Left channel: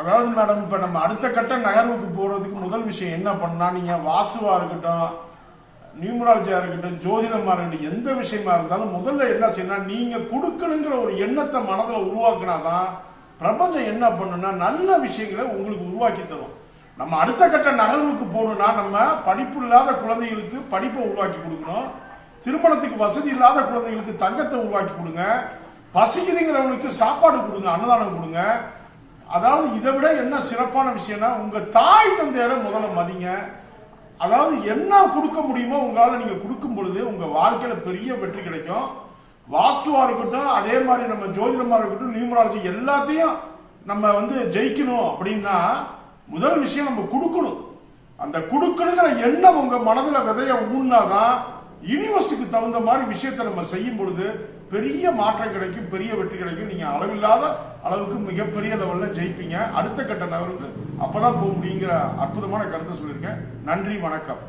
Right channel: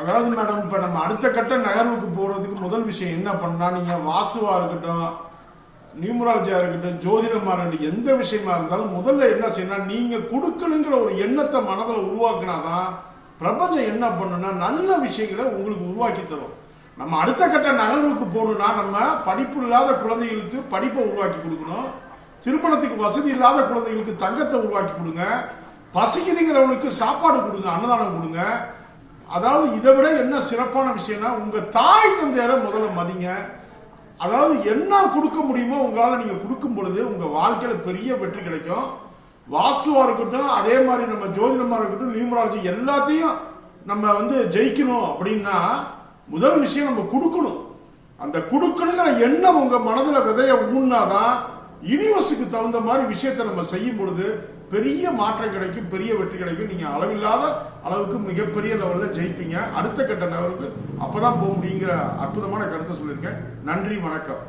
அதாவது மேடம் இப்போ நம்ம அடுத்த கட்ட நகர்வுக்கு போகிறதுக்கு முதல் விஷயம் என்ன பண்ணால் நீங்கள் வாசுவாக இருக்கட்டும் நியூமராலஜியாக இருக்கட்டும் ஜோதிடமாக இருக்கட்டும் எந்த விஷயமா இருந்தாலும் முதல்ல என்ன செய்யணும் நீங்கள் கொடுக்கணுங்கிற ஒரு எண்ணத்தை மனதில் உருவாக்குனாதான் பிரபஞ்சம் என்ன பண்ணுன்னா நல்ல விஷயங்களை உங்களுக்கு உருவாக்கி தரும். நம்ம அடுத்த கட்ட நகர்வுக்கு போகணும்னா நம்ம படிப்பு இல்லாத குழந்தைகளுக்கு படிப்பை உருவாக்கி கொடுக்கணும். திருமணத்துக்கு வசதி இல்லாத குழந்தைகளுக்கு தங்கத்தை உருவாக்கி கொடுங்க. பசிக்குதுங்கிறவனுக்கு சாப்பாடு கொடுங்க அன்னதானம் கொடுங்க. அதாவது இதை விட என்ன சிறப்பான விஷயம்னா உங்க தாய் தந்தையரை முதல்ல மதிங்க. அதாவது என்ன கொடுக்க முடியுமோ உங்களால நீங்க கொடுக்கும் பொழுது உங்க வாழ்க்கையில பெரிய வெற்றி கிடைக்கும். வாஸ்துவா இருக்கட்டும் அதே மாதிரி நம்ம ஜோதிடமா இருக்கட்டும் நியூமராலஜி எல்லாத்தையும் நம்ம வந்து ஜெயிக்கணும் அப்படின்னா முதல் விஷயம் நம்ம கொடுக்கணும். அந்த கொடுக்கணுங்கிற எண்ணம் உங்க மனதுல விதைய ஊன்னாதான் யூனிவர்ஸுக்கு தகுந்த மாதிரி விஷயத்தை நம்ம செய்யும் பொழுது பெரிய மாற்றம் கிடைக்கும் பெரிய வெற்றி கிடைக்கும். நீங்க அளவில்லாத அளவுக்கு மிகப்பெரிய லெவலில் ஜெயிப்பீங்க. அடுத்த கட்ட நகருக்கு அப்பதான் போக முடியுங்கிற அற்புதமான கருத்தை சொல்லியிருக்கேன். நன்றி வணக்கம்.